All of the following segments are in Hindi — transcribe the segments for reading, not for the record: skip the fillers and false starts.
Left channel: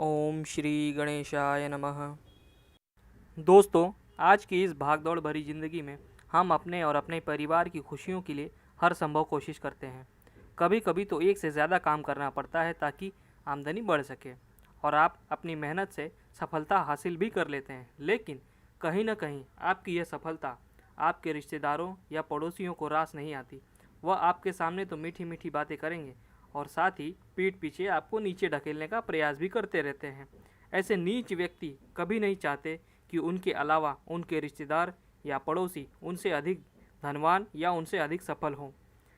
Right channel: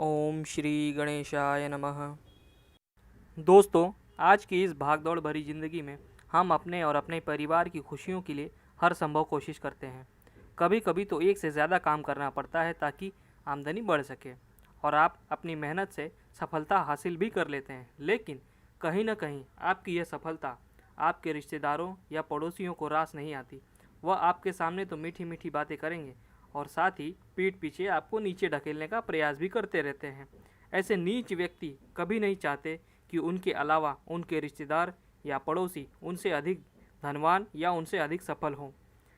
ओम श्री गणेशाय नमः। दोस्तों, आज की इस भागदौड़ भरी ज़िंदगी में हम अपने और अपने परिवार की खुशियों के लिए हर संभव कोशिश करते हैं। कभी कभी तो एक से ज़्यादा काम करना पड़ता है ताकि आमदनी बढ़ सके और आप अपनी मेहनत से सफलता हासिल भी कर लेते हैं। लेकिन कहीं ना कहीं आपकी यह सफलता आपके रिश्तेदारों या पड़ोसियों को रास नहीं आती। वह आपके सामने तो मीठी मीठी बातें करेंगे और साथ ही पीठ पीछे आपको नीचे ढकेलने का प्रयास भी करते रहते हैं। ऐसे नीच व्यक्ति कभी नहीं चाहते कि उनके अलावा उनके रिश्तेदार या पड़ोसी उनसे अधिक धनवान या उनसे अधिक सफल हों।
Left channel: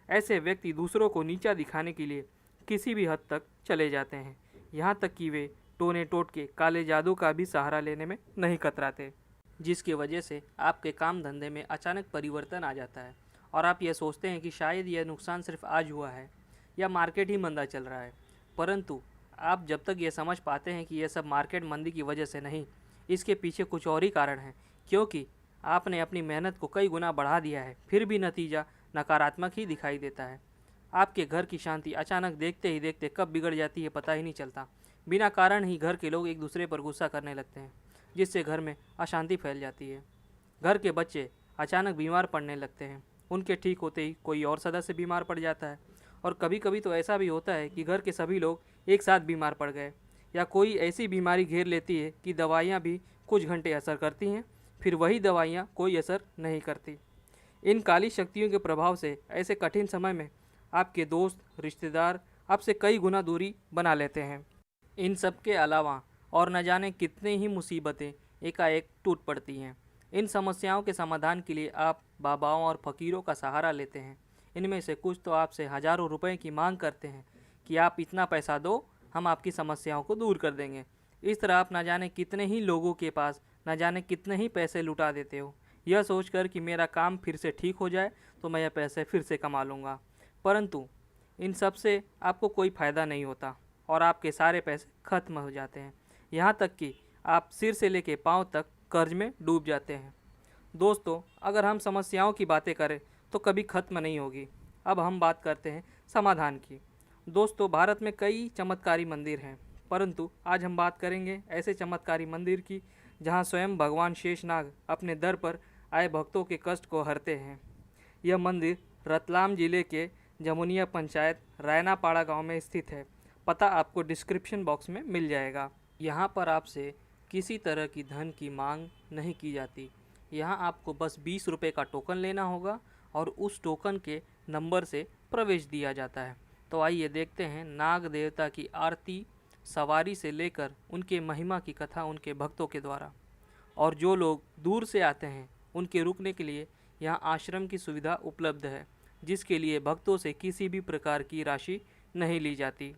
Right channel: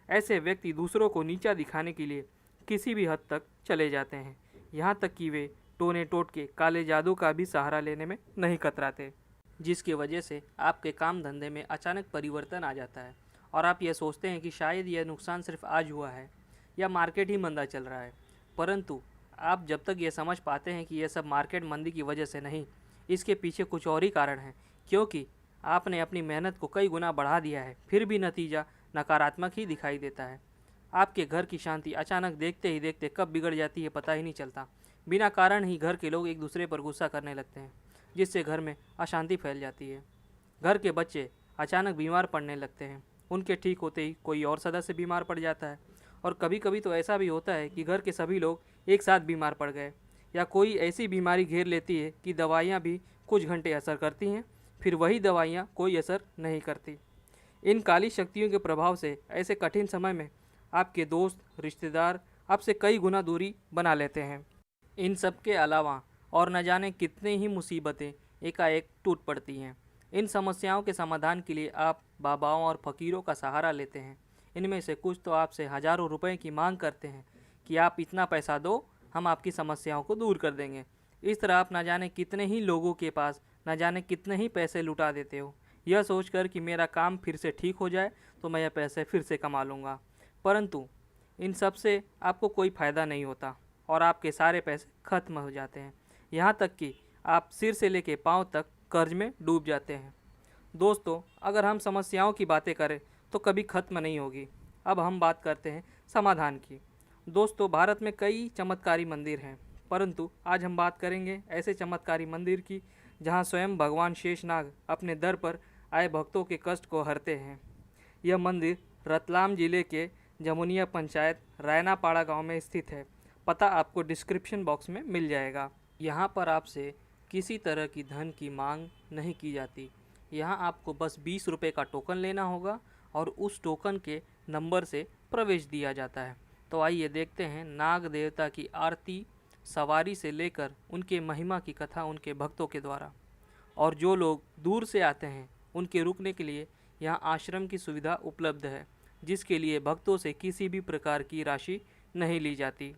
ऐसे व्यक्ति दूसरों को नीचा दिखाने के लिए किसी भी हद तक चले जाते हैं, यहाँ तक कि वे टोने टोटके काले जादू का भी सहारा लेने में नहीं कतराते, जिसकी वजह से आपके काम धंधे में अचानक परिवर्तन आ जाता है और आप ये सोचते हैं कि शायद यह नुकसान सिर्फ आज हुआ है या मार्केट ही मंदा चल रहा है। परंतु आप जब तक ये समझ पाते हैं कि यह सब मार्केट मंदी की वजह से नहीं, इसके पीछे कुछ और ही कारण है, क्योंकि आपने अपनी मेहनत को कई गुना बढ़ा दिया है, फिर भी नतीजा नकारात्मक ही दिखाई देता है। आपके घर की शांति अचानक देखते ही देखते कब बिगड़ जाती है पता ही नहीं चलता। बिना कारण ही घर के लोग एक दूसरे पर गुस्सा करने लगते हैं, जिससे घर में अशांति फैल जाती है। घर के बच्चे अचानक बीमार पड़ने लगते हैं, उनके ठीक होते ही कोई और सदस्य बीमार पड़ जाता है। और कभी कभी तो ऐसा भी होता है कि घर के सभी लोग एक साथ बीमार पड़ गए या कोई ऐसी बीमारी घेर लेती है कि दवाइयाँ भी कुछ घंटे असर करती हैं, फिर वही दवाइयाँ कोई असर नहीं करती। इन काली शक्तियों के प्रभाव से ऐसे कठिन समय में आपके दोस्त रिश्तेदार आपसे कई गुना दूरी बना लेते हैं। इन सब के अलावा और न जाने कितने ही मुसीबतें एकाएक टूट पड़ती हैं। इन समस्याओं के समाधान के लिए आप बाबाओं और फकीरों का सहारा लेते हैं। इनमें से कुछ तो आपसे हज़ारों रुपए की मांग करते हैं कि आप इतना पैसा दो, हम आपकी समस्याओं को दूर कर देंगे। इस तरह आप न जाने कितने ही लोगों के पास न जाने कितने ही पैसे लुटा देते हो, यह सोचकर कि मेरा काम फिर से ठीक हो जाए तो मैं यह पैसे फिर से कमा लूँगा। परंतु इन सब से आपको कोई फ़ायदा नहीं होता और आपके सारे पैसे खत्म हो जाते हैं, यहाँ तक कि आप सिर से लेके पाँव तक कर्ज में डूब जाते हैं। दोस्तों, अगर हम समस्याओं की बातें करें तो कभी ख़त्म नहीं होगी। अब हम बात करते हैं समाधान की। दोस्तों, भारत में कई चमत्कारी मंदिर हैं, परंतु आज हम बात करेंगे ऐसे चमत्कारी मंदिर की जहां स्वयं भगवान शेषनाग अपने दर पर आए भक्तों के कष्ट को हरते हैं। यह मंदिर रतलाम जिले के जमुनिया पंचायत रायनापाड़ा गांव में स्थित है। पता आपको डिस्क्रिप्शन बॉक्स में मिल जाएगा। यहाँ पर आपसे किसी तरह की धन की मांग नहीं की जाती। यहाँ आपको बस 20 रुपये का टोकन लेना होगा और उस टोकन के नंबर से प्रवेश दिया जाता है। तो आइए देखते हैं नाग देवता की आरती सवारी से लेकर उनके महिमा की कथा उनके भक्तों के द्वारा। और जो लोग दूर से आते हैं उनके रुकने के लिए यहाँ आश्रम की सुविधा उपलब्ध है, जिसके लिए भक्तों से किसी भी प्रकार की राशि नहीं ली जाती।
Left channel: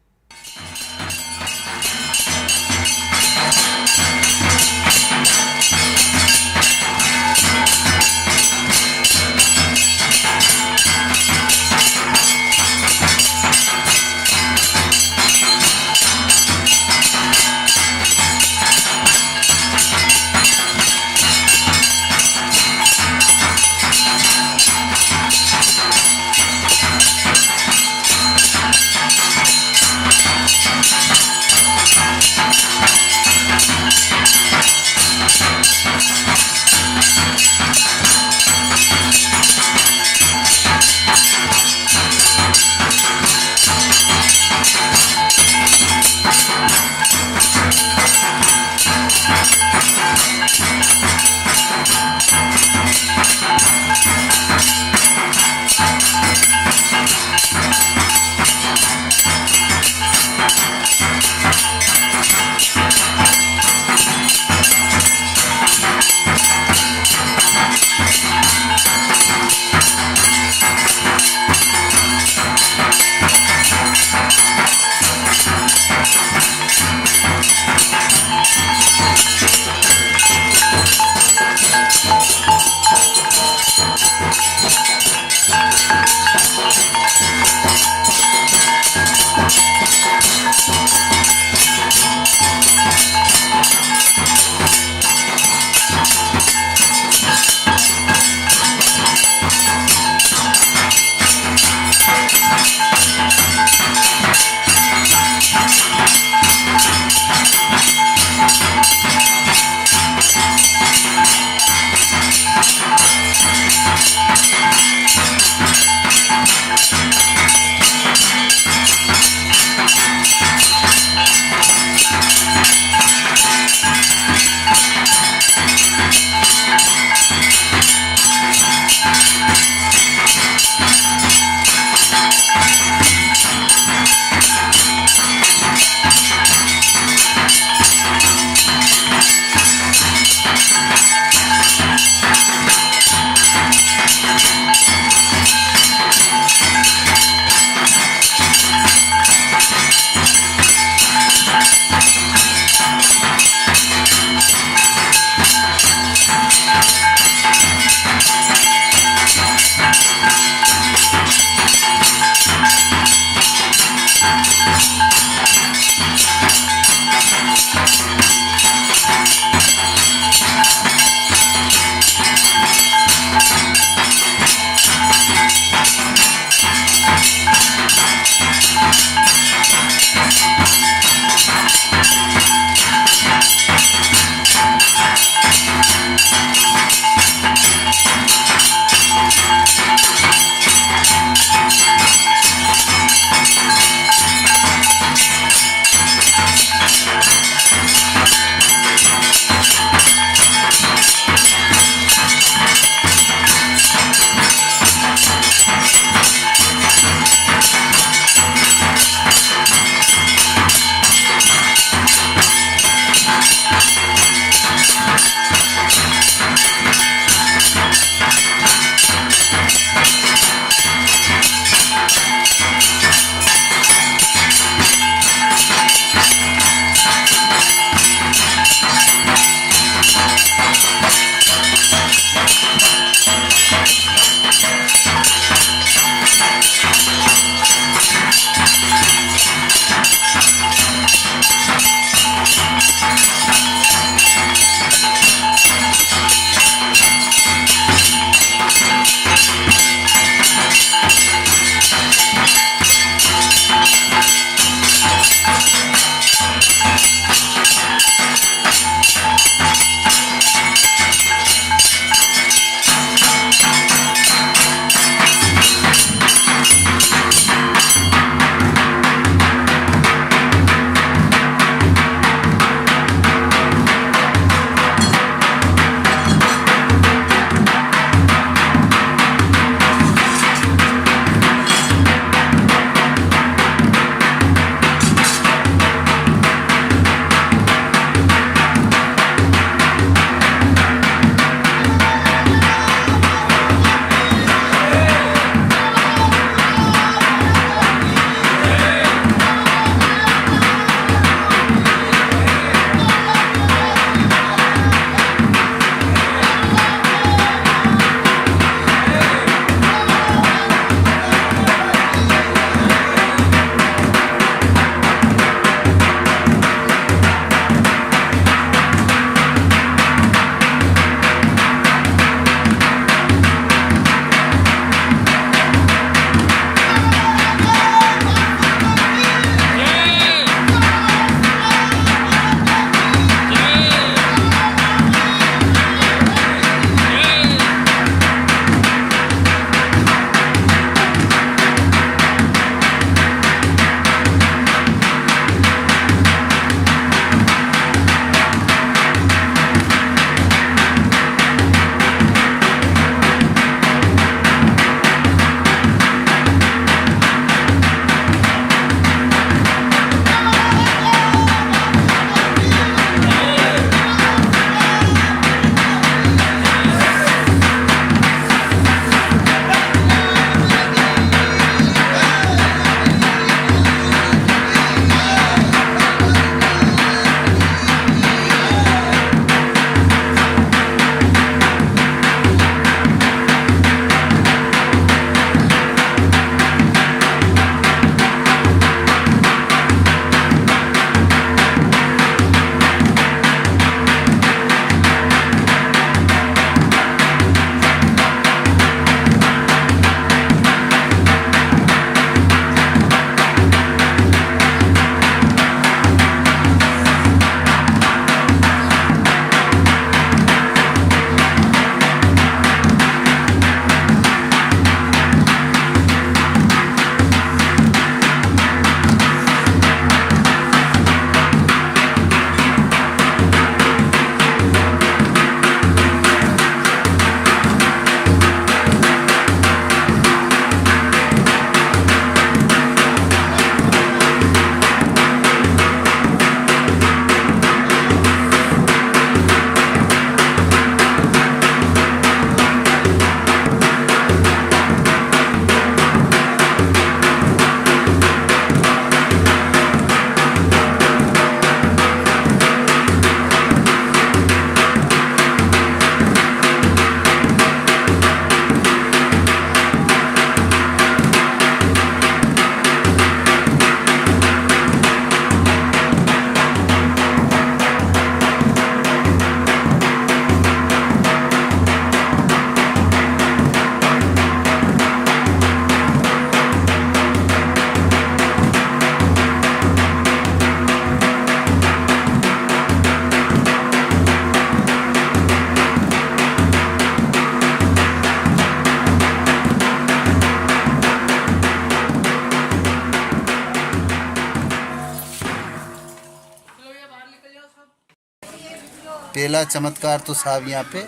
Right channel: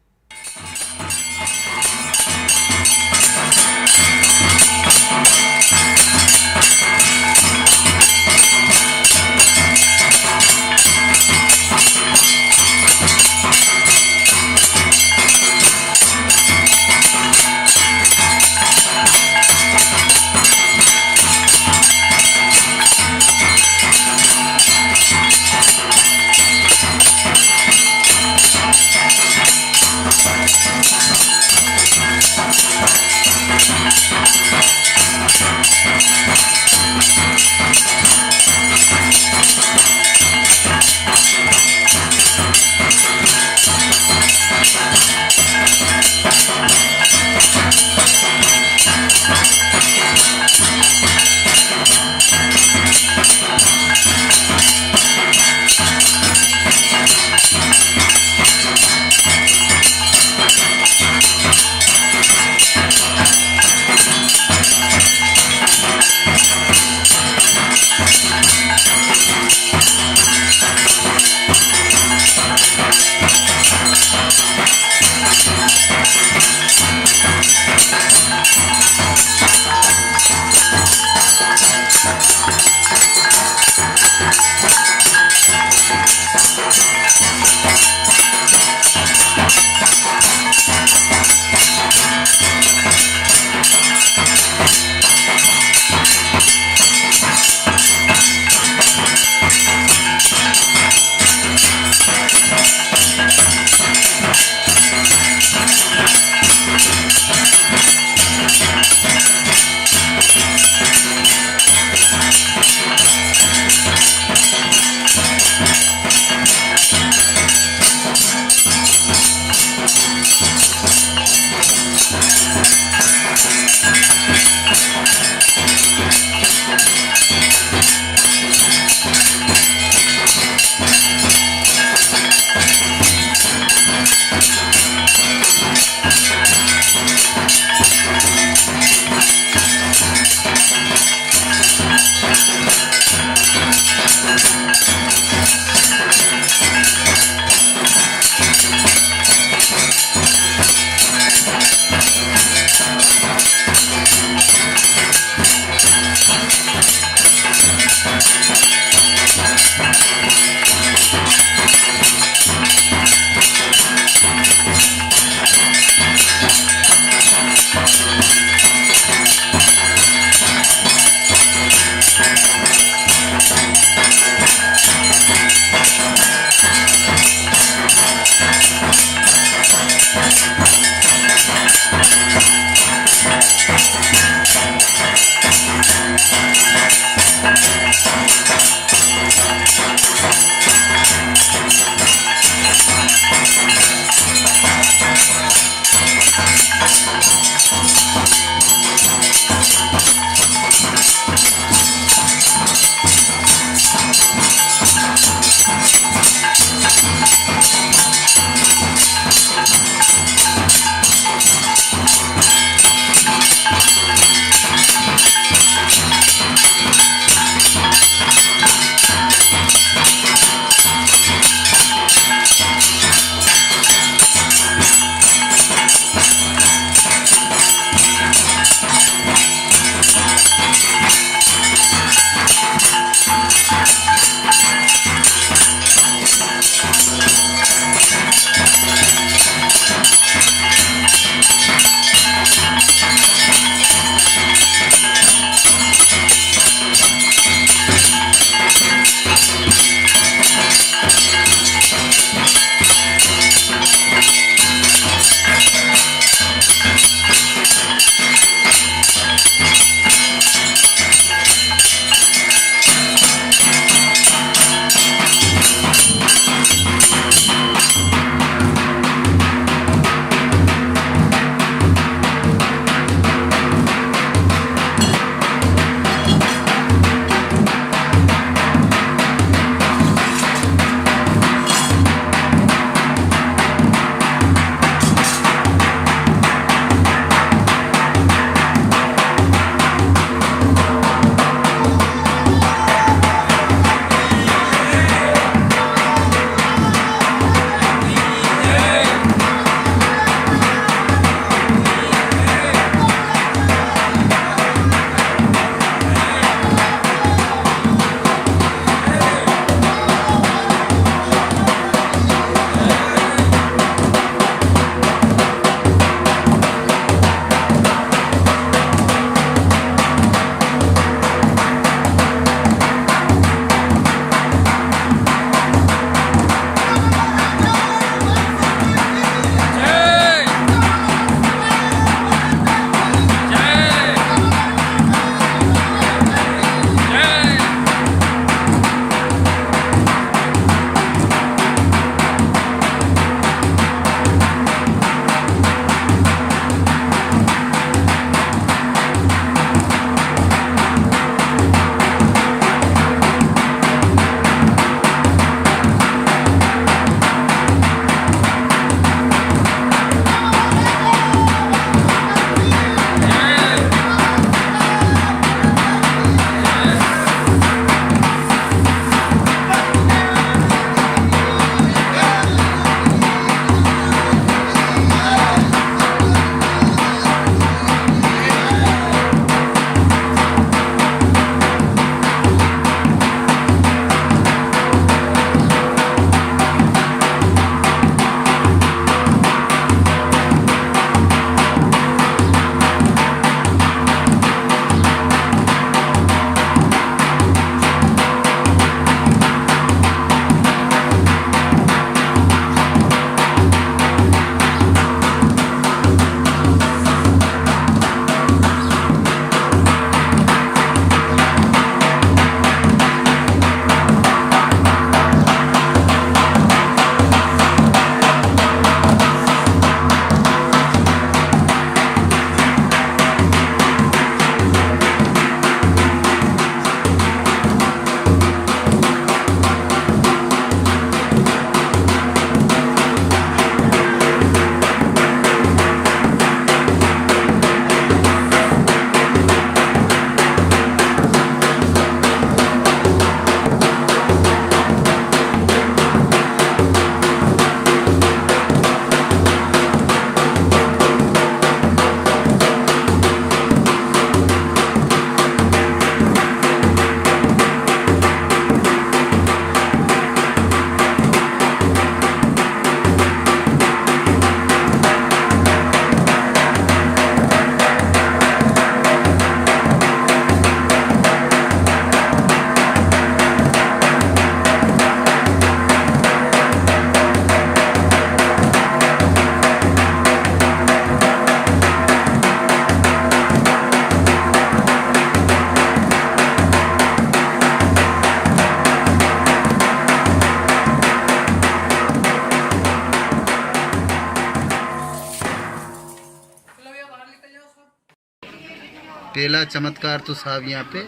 पहला चमत्कार तो साहब यहाँ पे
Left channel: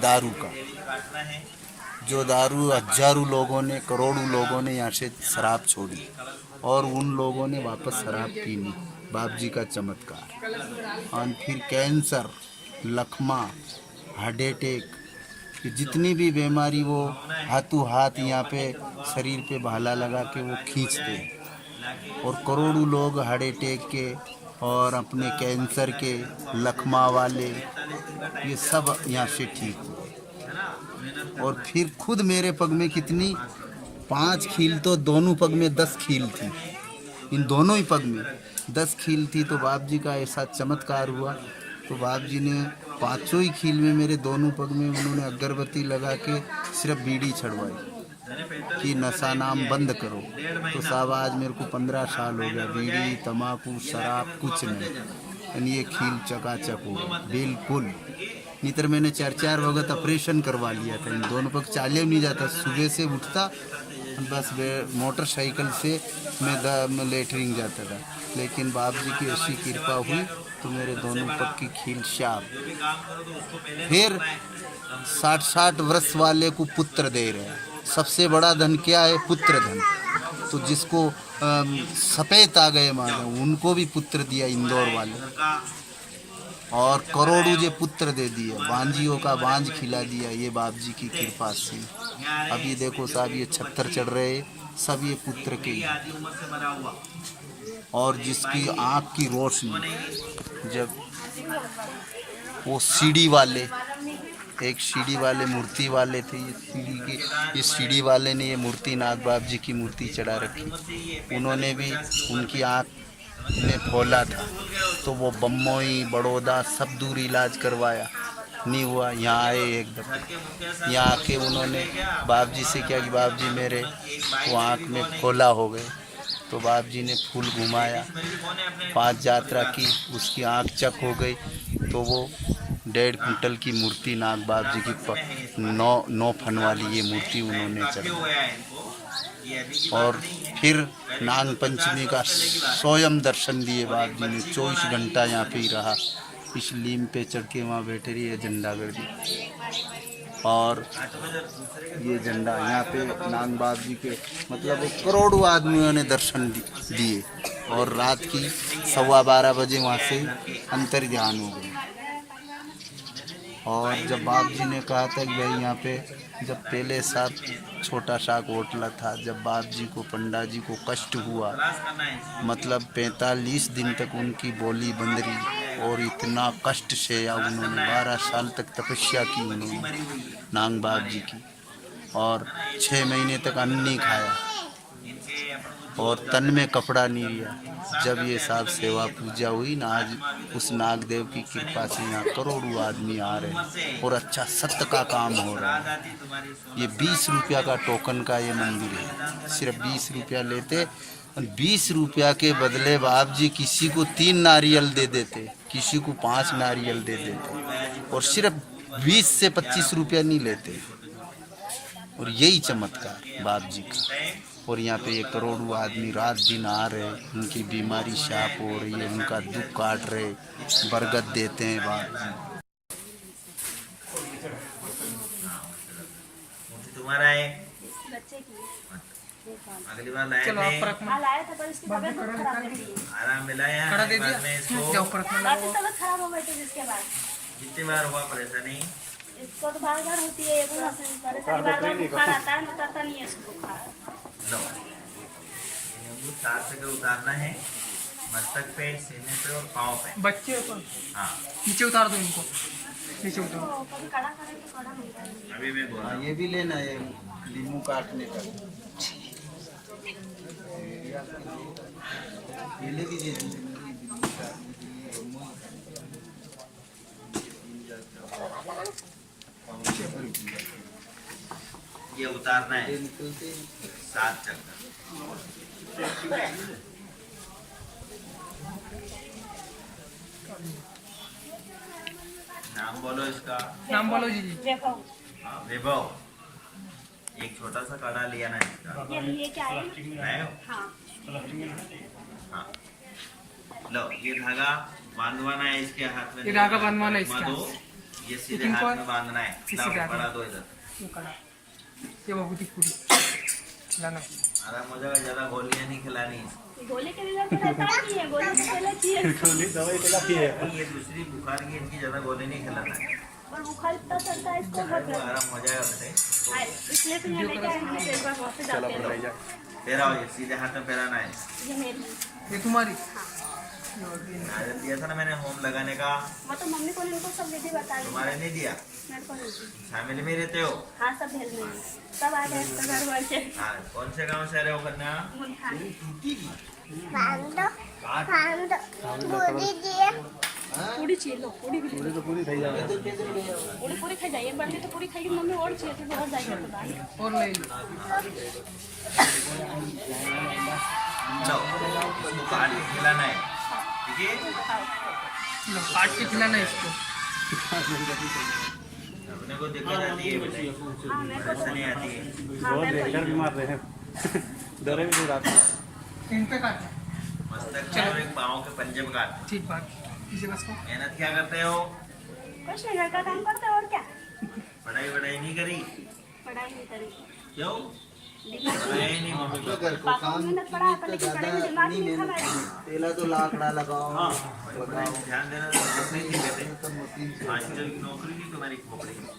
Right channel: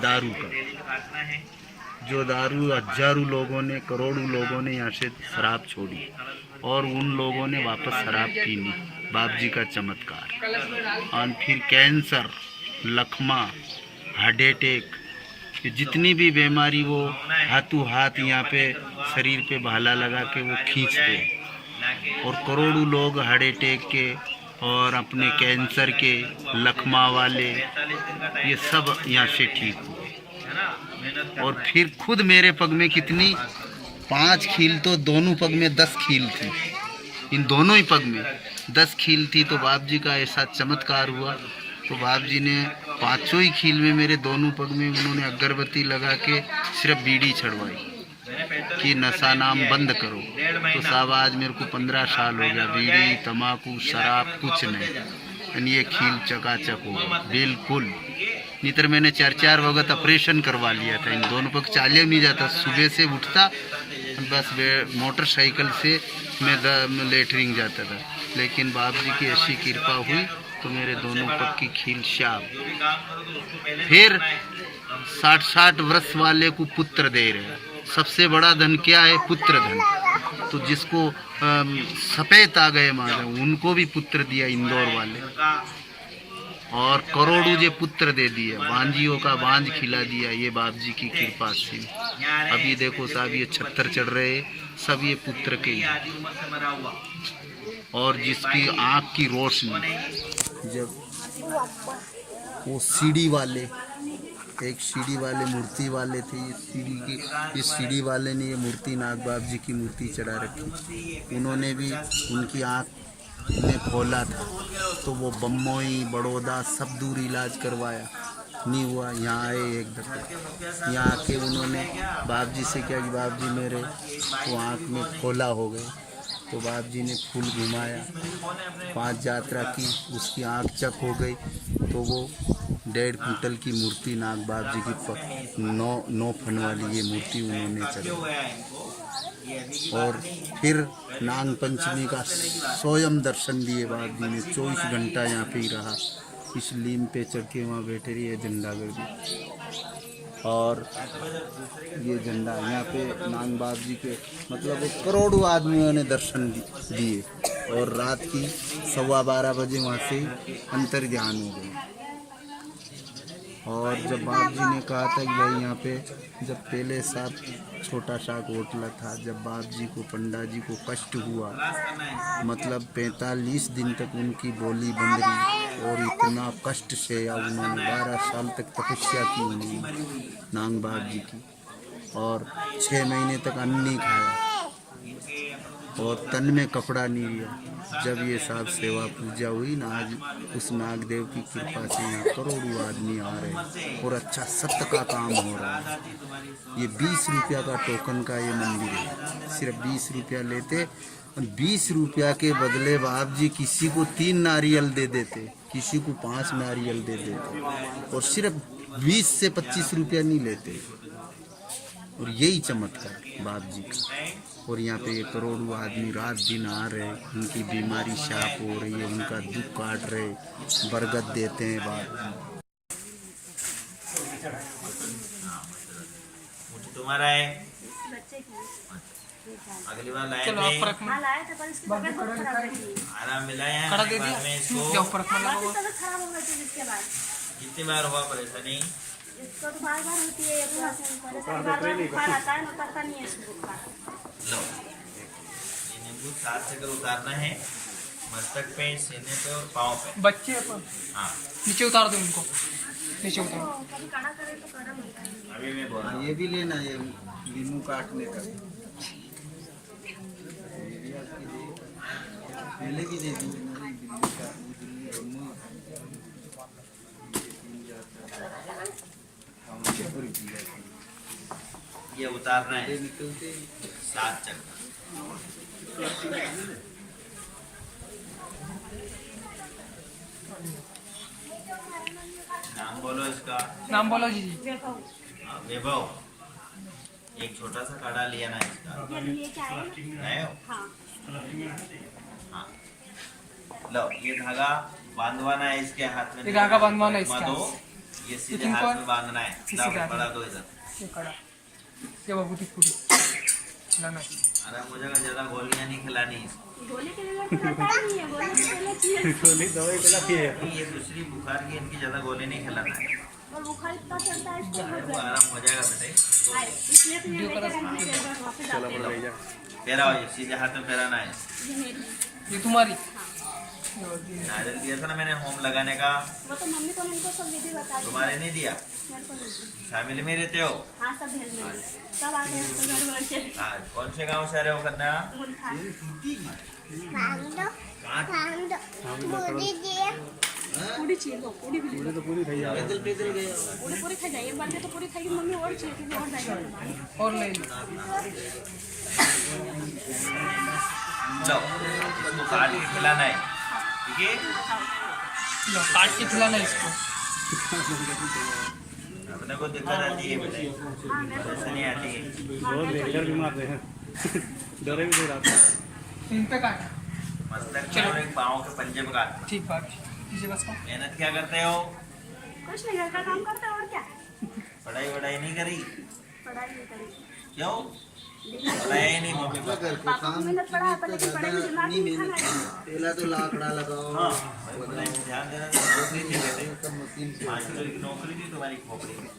दारू का, जो दारू हजारों लोगों ने, करोड़ों लोगों ने यहाँ से शराब छोड़ी और उन लोगों ने वापस शराब पीनी, बाप जी का चमत्कार। और फिर कैंसर, लकवा, हार्ट अटैक, ये जितनी भी बीमारी वो हाथों हाथ यहाँ पे शरीर पे भाला लगा के वो खींचते और करोड़ों लोग हार्ट अटैक के और अपने कैंसर के, लकवा वाले, ये सब यहाँ से ठीक हुए। और फिर खुद मेरे पग में कितनी 5 खील, तो दोनों पग में 10 खील थी, इन दोनों ही पग में 10 खील थी। तो बाप जी का ऐसा चमत्कार हुआ, तो बाप जी ने 5 ही खील में मेरे दोनों पग में उन्होंने अगरबत्ती लगा के सिर्फ बीड़ी छड़वाई कि नशा नाम बंद करो। तो साहब आज मेरे को 15 साल हो गया, बीड़ी, तम्बाकू, शराब कुछ नहीं, यानी ये खील चकाचक हो गया बिल्कुल। नहीं तो मैंने 4-4 वक्त ऑपरेशन करवा लिया था, इन दोनों पग चाले नहीं जाता, सुबह से उठता बस मोटरसाइकिल से मैं लेटरिंग जाता था। लेकिन बाप जी की ऐसी कृपा हुई तो मेरे दोनों पग की खील शाप। फिर 60-60 वर्ष वाले को पुत्र दे रहे हैं। सबसे बड़ा धन क्या है? पुत्र धन। तो जिसको सफेद आ गए मारे, उनको भी पुत्र दिया इंदौर वाले, और करोड़ों जे पुत्र दे दिए, बांझियों का बांझ खिला दिया, ये बाप जी की कृपा से। अभी देखो साहब ये 76 चढ़ रहे, सब ये पुत्र के ही। और जिसकी आँख की रोशनी, जब वो सीढ़ी वाले, एक सीढ़ी वाले मूर्ति वाले थे, ये सीढ़ी की, इस सीढ़ी वाले ने ये मूर्ति नाथ बाप जी की मूर्ति चढ़ा रखी, उन्होंने भी उनकी आँख में खोला था, तो वो बम्बई, बड़ौदा सब दूर इलाज करवाया, नहीं हुआ। यहाँ आए एक दफा, यहाँ आके उन्होंने बाप जी से क्या कि बाप जी मेरे वो आँख में खोला हो गए। तो बाप जी ने फूल घुमाया, 5 यात्रा की, उसकी आँख चक हो गई। तो वो 1.5 कुंटल की मूर्ति नाग बाप जी की 9 फन वाली ये मूर्ति उन्होंने चढ़ाई। और फिर नाग पंचमी का स्वयं दर्शन दिए बाप जी ने, 24 घंटा यहाँ पे ही रहा, इस लीम पे चढ़ के वहाँ बैठे रही है झंडा गर्दी। और ये झंडा यहाँ पे नाग बाप जी के मतलब करोड़ों आदमियों ने दर्शन दिए, और रात की 12:15 बजे वहाँ से अंतर ध्यान हो गए। और जब बाप जी ने कहा था कि भाई यहाँ पे, जब पहले साथ छोटा सा होटला था, जब बाप जी को, पंडा जी को कष्ट हुआ, मतलब 45 दिन तक उनकी बोली बंद रही, और इतना कष्ट से या उन्होंने 12 साल तक तपस्या की उन्होंने नाग बाप जी की, और 6 महीने तक अन्न नहीं खाया और तन में कपड़ा नहीं लिया। जब ये साहब सेवा पूजा हुई ना, आज उस नागदेव की कृपा से यहाँ करोड़ों आदमी आ रहे हैं और अच्छा सत्य का काम हो रहा है। ये 20 रुपया का टोकन का ये मंदिर है, सिर्फ 20 रुपया लेते, 20 रुपया के बदले बाप जी किसी को 3 नारियल दे देते, किसी को 5 नारियल दे देते, और सिर्फ 20 से 25 रुपया नहीं लेते। और यही चमत्कार बाप जी का। और यहाँ पे ये करोड़ों आदमी रात दिन आ रहे, उनकी बीमारी साफ हो रही है, उनका दुख काट रहे, बरगद देते हैं बाप। तुम्हारा है, अगली बार लाए थे, आराम मिलाया है, बाद में इसको कितनी बार हुआ परेशानी? इसको तो बार-बार होती है, परेशानी बार-बार बुखार आता है, उतरता नहीं है इसको। लो, ये नींबू 4 से उतारना है, मस्तक पे, सीने पे और पाँव पे। बच्चे पर हाँ, नीचे उतार दो उनको, नीचे उतारो। कभी कड़ा करे तो कड़ा मिलता है। अभी मैं बोल रहा हूँ। ये भी लेना है, नींबू काटने का पहले भी दे दो। ये उतारना है 7 चक्कर। नाम बोलो इसका, नाम बोलो जी। हाँ, वैभव। एक छोटा सा कड़ा लिया ना इसका, ये क्या है? नए हो? हाँ। हाँ, लो ये धागा बांधवाना है इसके हाथ में, ये धागा बांधवाना है उपमा इसके दो, हाथ। ये ये सीधे किनको हाथ है? में बांधना है। किसी लाओ, के हाथ में? पड़ा दो इधर। ये कड़ा, ये बबूती पूरी लाना। आराम हो जाएगा, ज्यादा गोलियां नहीं खिलानी इसको। गोली के लिए तो रहता ही है, गोली तो पहले चाहिए। ये दूसरी बुखार की, इनकी ज्यादा गोली नहीं खिलाना है। और बुखार इतना चलता है इसको अरे वो आराम हो जाएगा बेटे। इसलिए तो ये देखा है मैंने कई बार वहाँ पे जाते हैं। लो, पैराओ, ये सीधे हाथ में पैराना है। ये मेरी, ये तुम्हारी, नारियल दिया था ना मैंने होम लगाने का, वो तो मम्मी को नहीं, को सब विधि बता दी। तुम्हारे नहीं दिया? मेरे को नहीं। शामिल में रहते हो? हाँ सब भेज में सब आ गए सब घर वाले। हाँ, कौन से गांव से रहे हो कन्या? मुल्तान। पूरी चाहिए लो, पूरी भी ले लो। पूरी पूरी खाई जाइए, एक बार में तो पूरी खाएगी मम्मी, और चाहिए फिर और जाइए। और ले लो। लो, इसको काट के खिलाना है, ठीक है? लो, काट के खिलाना इसको। अपने को दिक्कत आती है बेटे, हाँ मैं तो, ऐसा नहीं आती है। हाँ मैं तो इन पे काटना। मस्तक में और एक पाँव के पंजे में काटना। ठीक बात, इसे बस को। मेहनत क्या करते हो? कुछ नहीं, घर का काम करता है और क्या। पढ़ाई वढ़ाई नहीं करी? पढ़ाई नहीं करी, क्यों? पढ़ाई नहीं मम्मी पापा। पापा को मेहनत पढ़ा है पर लेकिन पढ़ाई में दिमाग नहीं था मेरा। पहला तो लाकड़ा लगाओ। हाँ, भाई पढ़ाई में ध्यान देना। तो नौकरी थी बेटे, मास्टर की नौकरी थी तुम्हारी खोपड़ी में।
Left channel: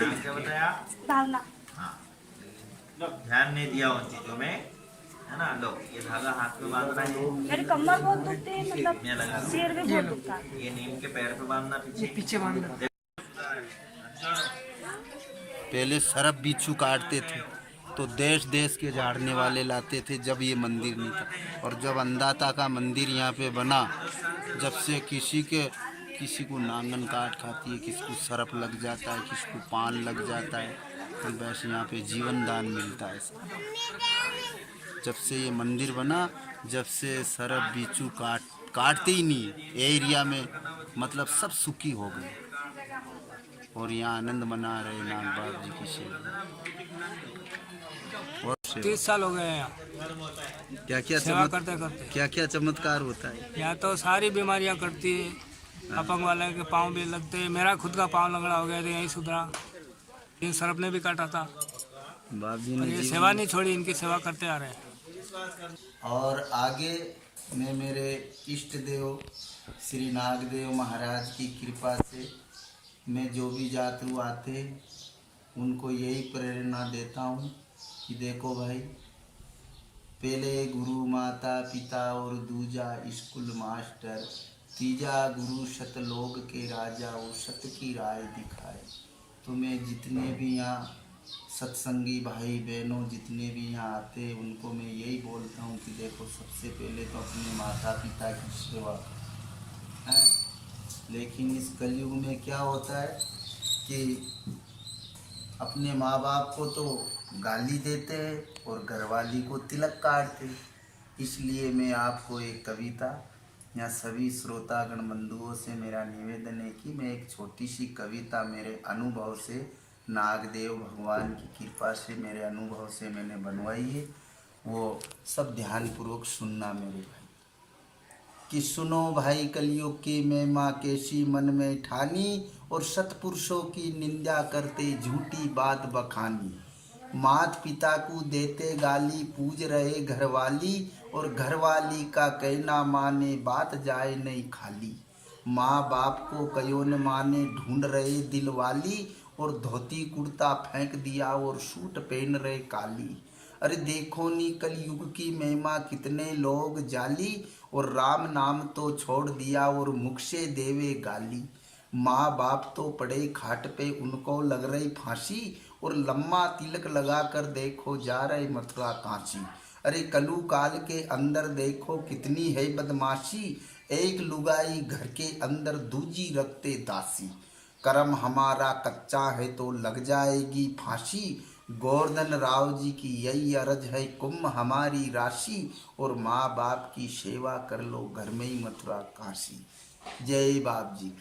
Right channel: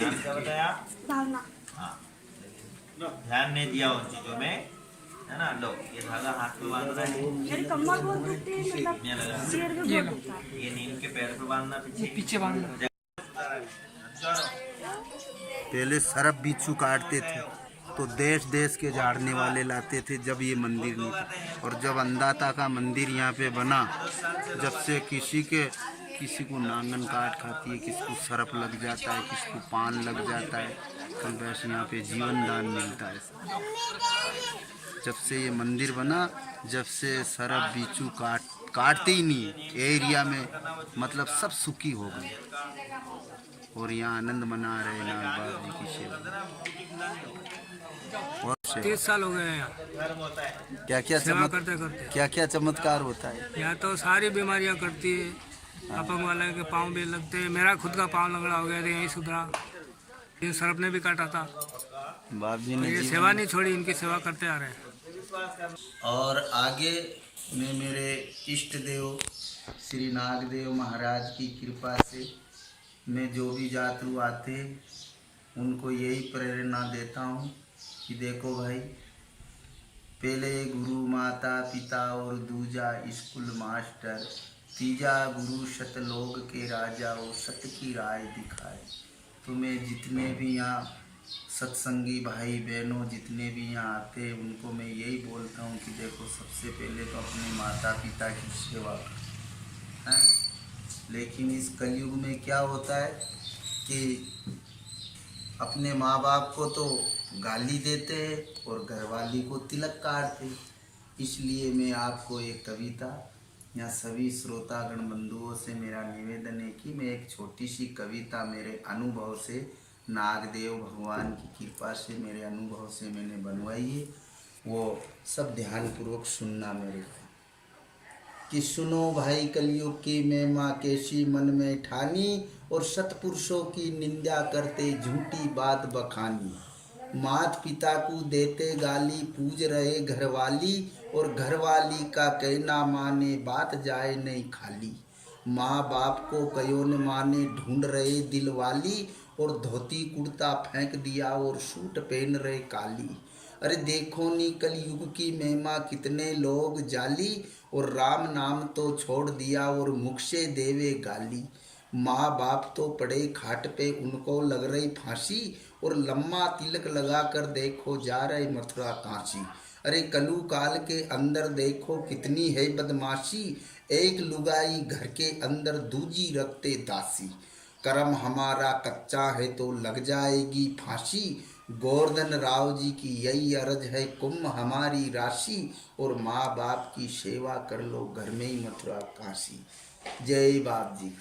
नाम क्या बताया? भावना। हाँ, ध्यान नहीं दिया उन चीजों में, है ना? लो, ये धागा हाथ में बांधना है। मेरी कमर बहुत दुखती है, मतलब मैं लगा दूं। सिर भी ये बहुत लो। दुखता है। ये नीम के पेड़ पे बांधना ये पीछे। पीछे बांधना। पहले सरप बिच्छू काटते थे तो देश देश के झाड़ने वाले लाते थे जब ये मंदिर नहीं था। और जब अंदाता का मंदिर यहाँ पे बना, जब से किसी को नांगन काट खाती है, किसी को सरप लग जाता है, किसी को पान लग जाता है, कल वैसे यहाँ पे जीवन दान मिलता है। जब से ये मंदिर बना, जब से सरप बिच्छू काटते ही नहीं एरिया में, मतलब सब सुखी हो गए और यहाँ आनंद मना रहे नाग बाबा की सेवा। और 30 साल हो गए हैं यहाँ क्या क्या सेवा करते करते। क्या क्या चमत्कार होता है? यहाँ तो सारी बीमारियाँ करती है, अपंग वाले के पाँव भी लगते हैं। मेरा खुद का पाँव लगड़ा हो गया था, यहीं सुधरा। इन सरप ने भी काटा था, बाप जी पर ने ये जीवन- सेवा नहीं छोड़ी, इनकी सेवा करते आ रहे हैं। और आगे मैं मेरे इष्ट देव श्री नागदेव महाराज की कृपा से मैं जो भी यात्रु आते उनको यही प्रेरणा देता हूँ कि देखो भाई, पहले गुरु माता पिता और दूजा स्कूल मास्टर, तीजा गुरु सतलोक के राजा वो सत की राय दिखाए। तो मैं जितने भी यहाँ सत्संगी भाई बहनों जितने भी यहाँ आते हैं उनको मैं यही बोलता हूँ कि देखो, सबसे पहले तो अपने माता पिता की सेवा है। लेकिन इस कलयुग में क्या होता है कि अपने माँ बाप को तो गाली देते हैं और घरवाली को तिलक काटते। इसलिए मैं आपको एक कविता, या सभी श्रोतागण बंधुओं से मेरा निवेदन है कि मैं एक छोटी सी कविता मेरे अनुभव से, नागदेव भगवान की कृपा से, मेरे अनुभव से मैंने बनवाई है, वो सब ध्यानपूर्वक सुनना मेरे भाई। कि सुनो भाई कलयुग की महिमा कैसी मन में ठानी, और सतपुरुषों की निंदा करते झूठी बात बखानी। मात पिता को देते गाली, पूज रहे घरवाली, और घरवाली का कहना माने बात जाए नहीं खाली। माँ बाप को कयो न माने ढूंढ रहे दिलवाली, और धोती कुर्ता फेंक दिया और सूट पहन रहे काली। अरे देखो नी कलयुग की महिमा कितने लोग जाली, और राम नाम तो छोड़ दिया और मुख से देवे गाली। माँ बाप तो पड़े खाट पे उनको लग रही फांसी, और लम्मा तिलक लगा कर देखो जा रहे मथुरा काशी। अरे कलु काल के अंदर देखो कितनी है बदमाशी, एक लुगाई घर के अंदर दूजी रखते दासी। कर्म हमारा कच्चा है तो लग जाएगी फांसी, गोवर्धन राव जी की यही अर्ज है कुंभ हमारी राशि, और माँ बाप की सेवा कर लो घर में ही मथुरा काशी। जय बाप जी।